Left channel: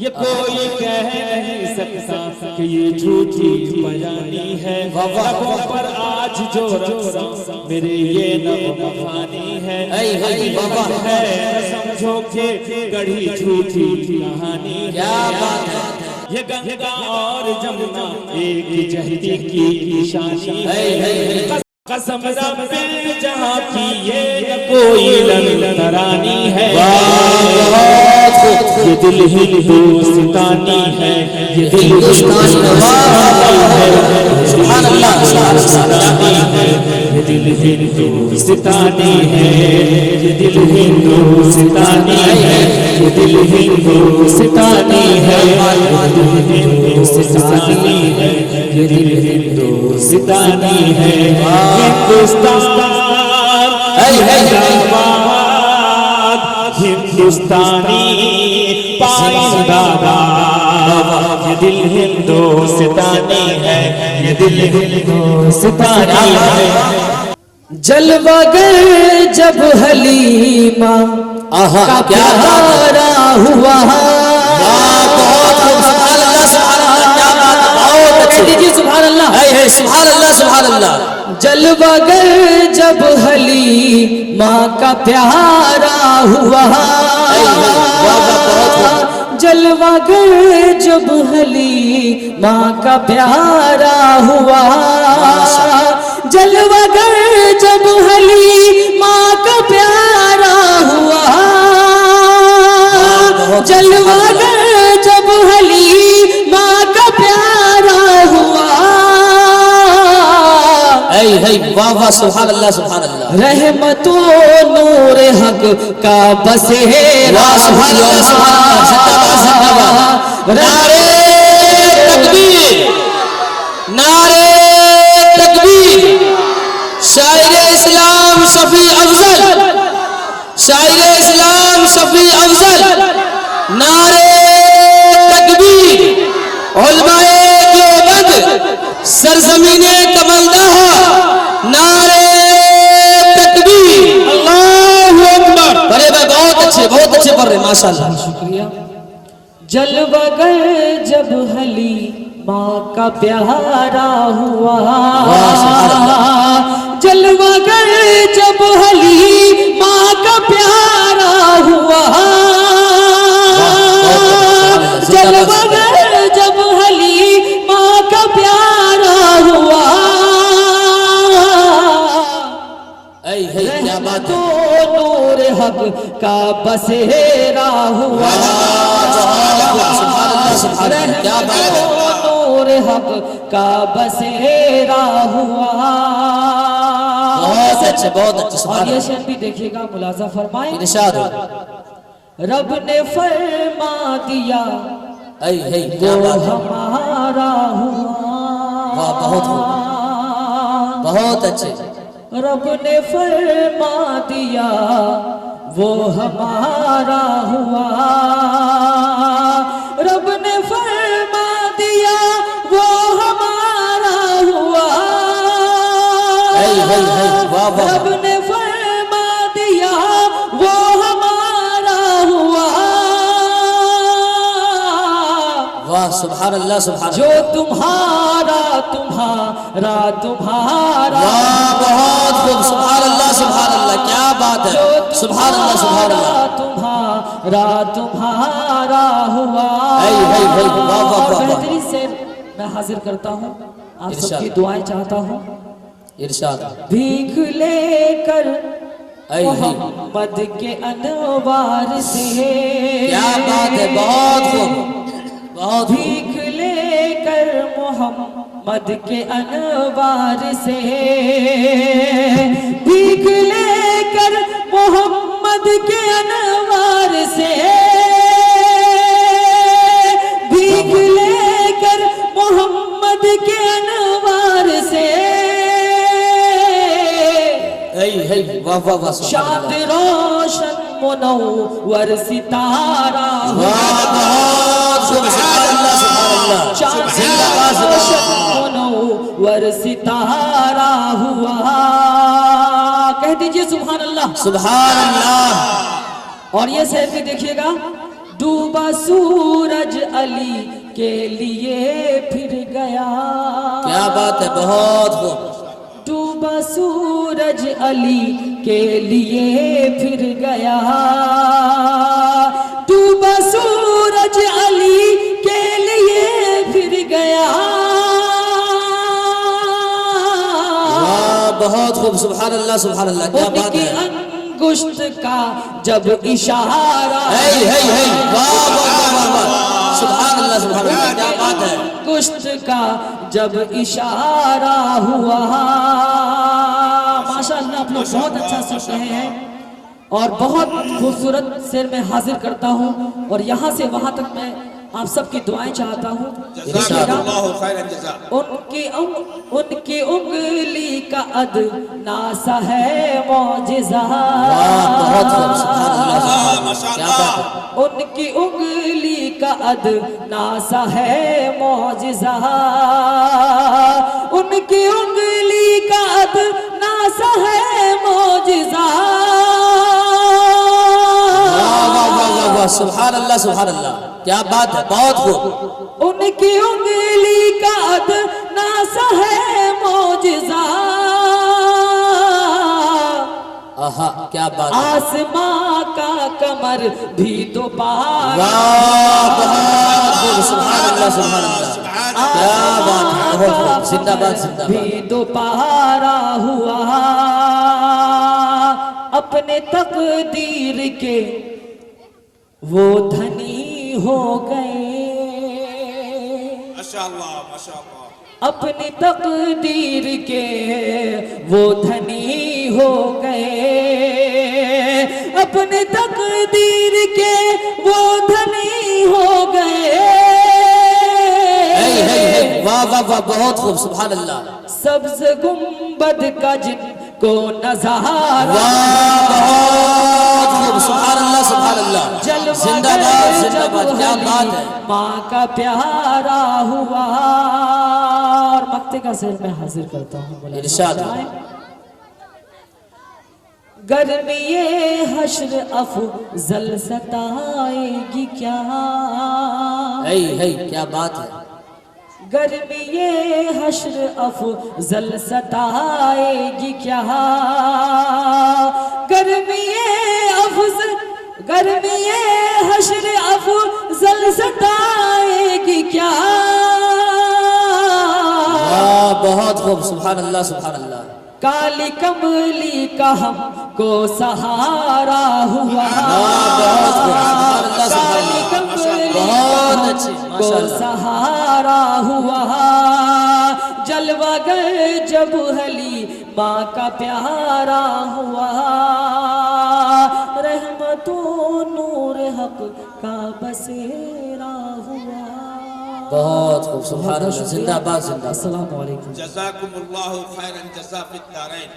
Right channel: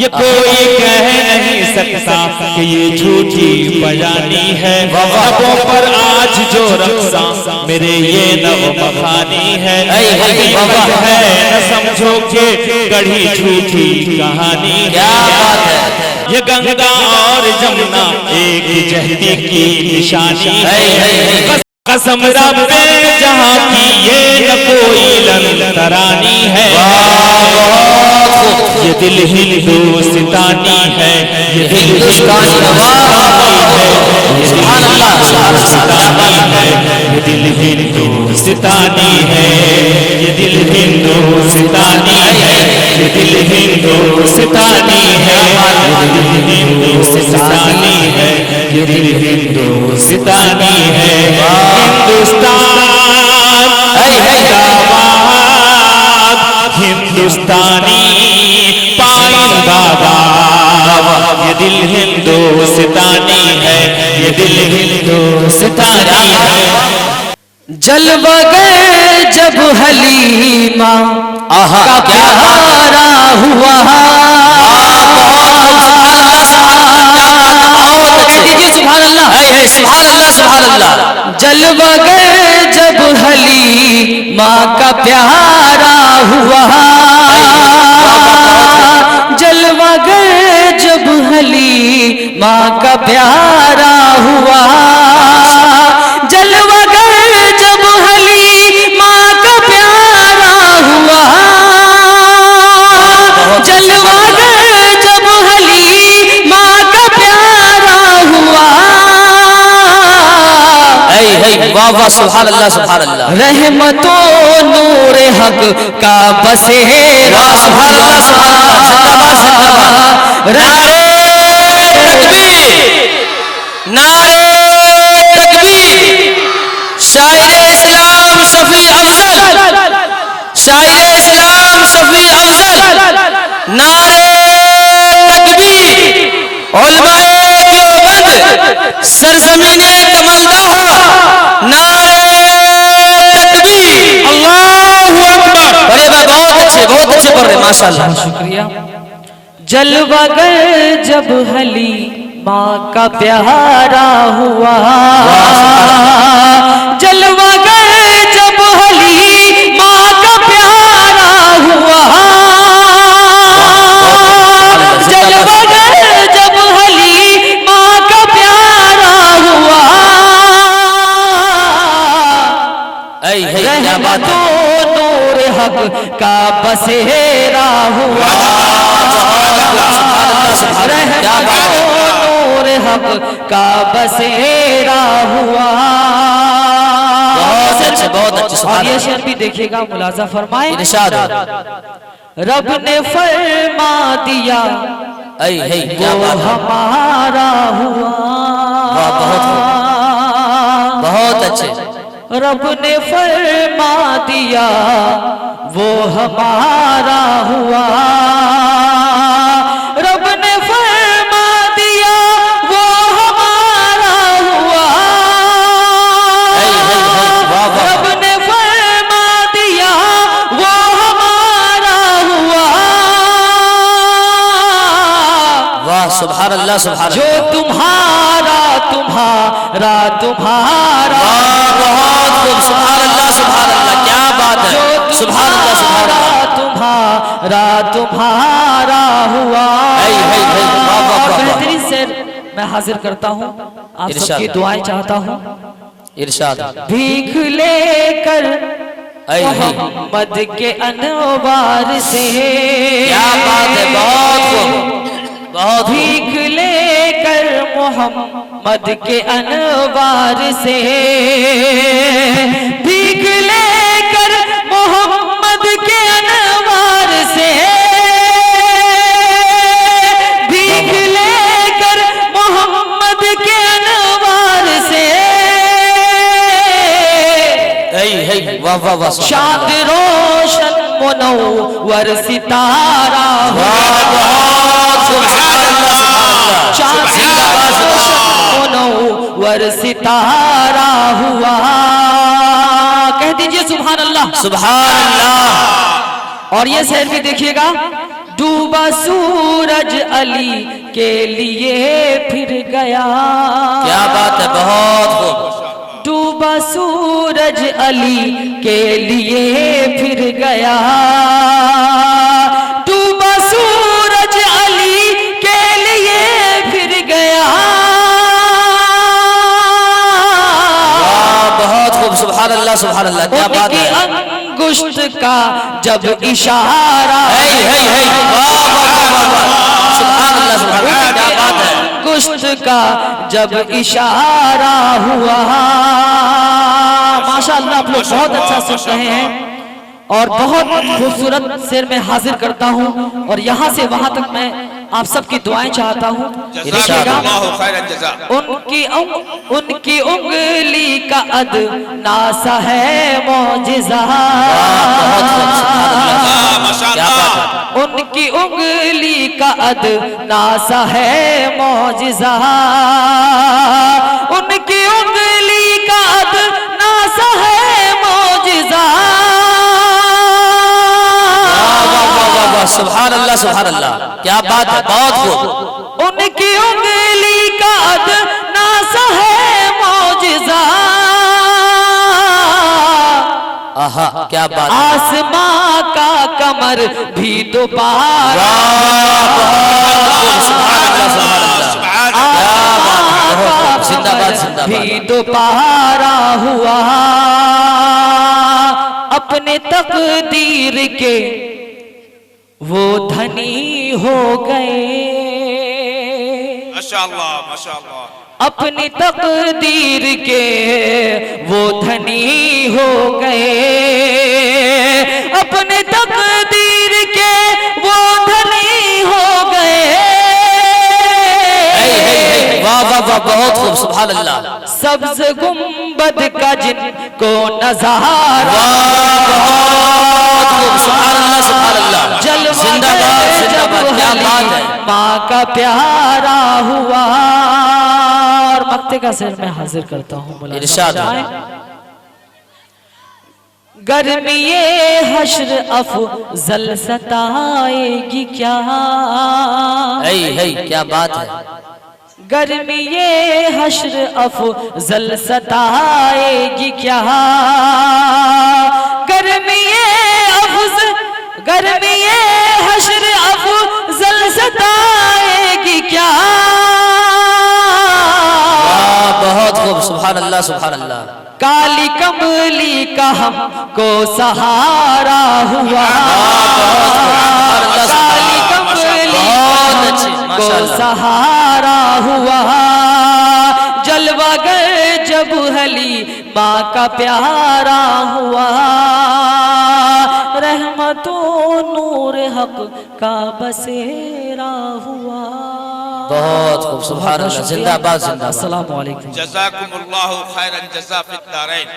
یہ کوئی کہہ نہیں سکتا کہ یہ جھوٹی بیانی ہے، لبوں پر آج جو رقصاں میرے یہ نغمہ خوانی ہے، ہے نہ سمجھو کہ گڑھی جھوٹی کہانی ہے، یہ گنگا اور جمنا ایک جہتی کی نشانی ہے، قسم رب جہاں کی یہ نہ کوئی لنگرانی ہے، یہ دل ہندوستانی ہے، یہ دل ہندوستانی ہے، یہ دل ہندوستانی ہے، یہ دل ہندوستانی ہے، یہ دل ہندوستانی ہے، یہ دل ہندوستانی ہے، یہ دل ہندوستانی ہے، ہندوستان ہندوستانی پائندہ باد، یہ دل ہندوستانی ہے، یہ دل ہندوستانی ہے۔ جلوہ گر جب حلیمہ کا پیارا ہوا، جلوہ گر جب حلیمہ کا پیارا ہوا، جلوہ گر جب حلیمہ کا پیارا ہوا، جلوہ گر جب حلیمہ کا پیارا ہوا، جلوہ گر جب حلیمہ کا پیارا ہوا، واہ واہ سبحان اللہ سبحان اللہ، رحمت و نور حق کا بسیرا، سبحان اللہ سبحان اللہ، نعرہ تکبیر نعرہ تکبیر، شاعر اسلام شفیع افضل، شاعر اسلام شفیع افضل، نعرہ تکبیر، علماء دیوبند سرزمین کملدہ، نعرہ تکبیر، اللہ اکبر، بہت اچھے پڑھ رہے ماشاءاللہ، شکریہ۔ جلوہ گر جب حلیمہ کا پیارا ہوا، جلوہ گر جب حلیمہ کا پیارا ہوا، جلوہ گر جب حلیمہ کا پیارا ہوا، کیا بات ہے، نور حق کا بسیرا ہوا، نور حق کا بسیرا ہوا، بہت اچھے اور یہ شعر بھی دیکھیے گا، ملاحظہ فرمائیں، ارشاد رب نے فرما دیا وہ ہمارا ہوا، بہت اچھے، رب نے فرما دیا وہ ہمارا ہوا، رب نے فرما دیا وہ ہمارا ہوا، رب نے فرما دیا وہ ہمارا ہوا، واہ سبحان اللہ سبحان جو اللہ، تمہارا تمہارا تمہارا، بہت خوب، سبحان اللہ سبحان اللہ، کیا بات ہے، سبحان اللہ سبحان اللہ، تمہارا تمہارا ہوا، بہترین سے میں حاضر کرتا ہوں، آپ سب کی دعائیں چاہتا ہوں، ارشاد، بھیک لے کر محمد کے انوار سے، کیا بات ہے، بہت خوب، بہت بھیک لے کر محمد کے انوار سے، بھیک لے کر محمد کے انوار سے، بھیک لے کر محمد کے انوار سے، واہ واہ واہ، چاند روشن منور ستارہ منور ستارہ ہوا، کہہ دیجئے سبحان اللہ سبحان اللہ، اور یہ شعر بھی دیکھیے گا، ڈوبا سورج علی کے لیے پھر گیا. کیا بات ہے، بہت خوب. ڈوبا سورج علی کے لیے پھر گیا. ڈوبا سورج علی کے لیے پھر گیا. بہت خوب. سبحان اللہ سبحان اللہ. کیا بات ہے. انگشت کا جب اشارہ سبحان اللہ سبحان اللہ. کیا بات ہے. انگشت کا جب اشارہ ہوا. ماشاءاللہ آپ لوگ بہت اچھا سن رہے ہیں اور بہت خوبصورت شعر میں حاضر کرتا ہوں اور یہاں سے وہاں تک میں آپ سب کی دعائیں چاہتا ہوں. ان کی انگلی کا ادنا سا ہے معجزہ. ان کی انگلی کا ادنا سا ہے معجزہ. ان کی انگلی کا ادنا سا ہے معجزہ. سبحان اللہ سبحان اللہ. کیا بات ہے. بہت خوب. ان کی انگلی کا ادنا سا ہے معجزہ. آہا کیا بات ہے. آسماں کا کمر بھی دوبارہ. سبحان اللہ سبحان اللہ. زندہ باد زندہ باد. بھی دوبارہ ہوا. اپنے تقدیر کے وہ دھنی ہو گئے. ماشاءاللہ ماشاءاللہ. اپنی تقدیر کے وہ دھنی ہو گئے. اپنے تقدیر کے وہ دھنی ہو گئے. واہ واہ واہ. بہت خوب. سبحان اللہ. سبز گنبد کا جن کو نظارہ. سبحان اللہ سبحان اللہ. زندہ باد زندہ باد. کیا بات ہے. ماں کا پیارا ہوا. اور مقطع کا شعر میں حاضر کرتا ہوں. ارشاد. گرمی حشر افضل ستائے گی کیا. کیا بات ہے. گرمی حشر افضل ستائے گی کیا. گرمی حشر افضل ستائے گی کیا. بہت خوب. سبحان اللہ سبحان اللہ. کالی کملی کا ہم کو سہارا ہوا. کالی کملی کو سہارا ہوا. جلوہ گر جب علی ماں کا پیارا ہوا. رحمت و نور حق کا بسیرا ہوا. بہت خوب. سبحان اللہ. زندہ باد زندہ باد. السلام علیکم. جزاکم اللہ خیر الجزا فی الدارین.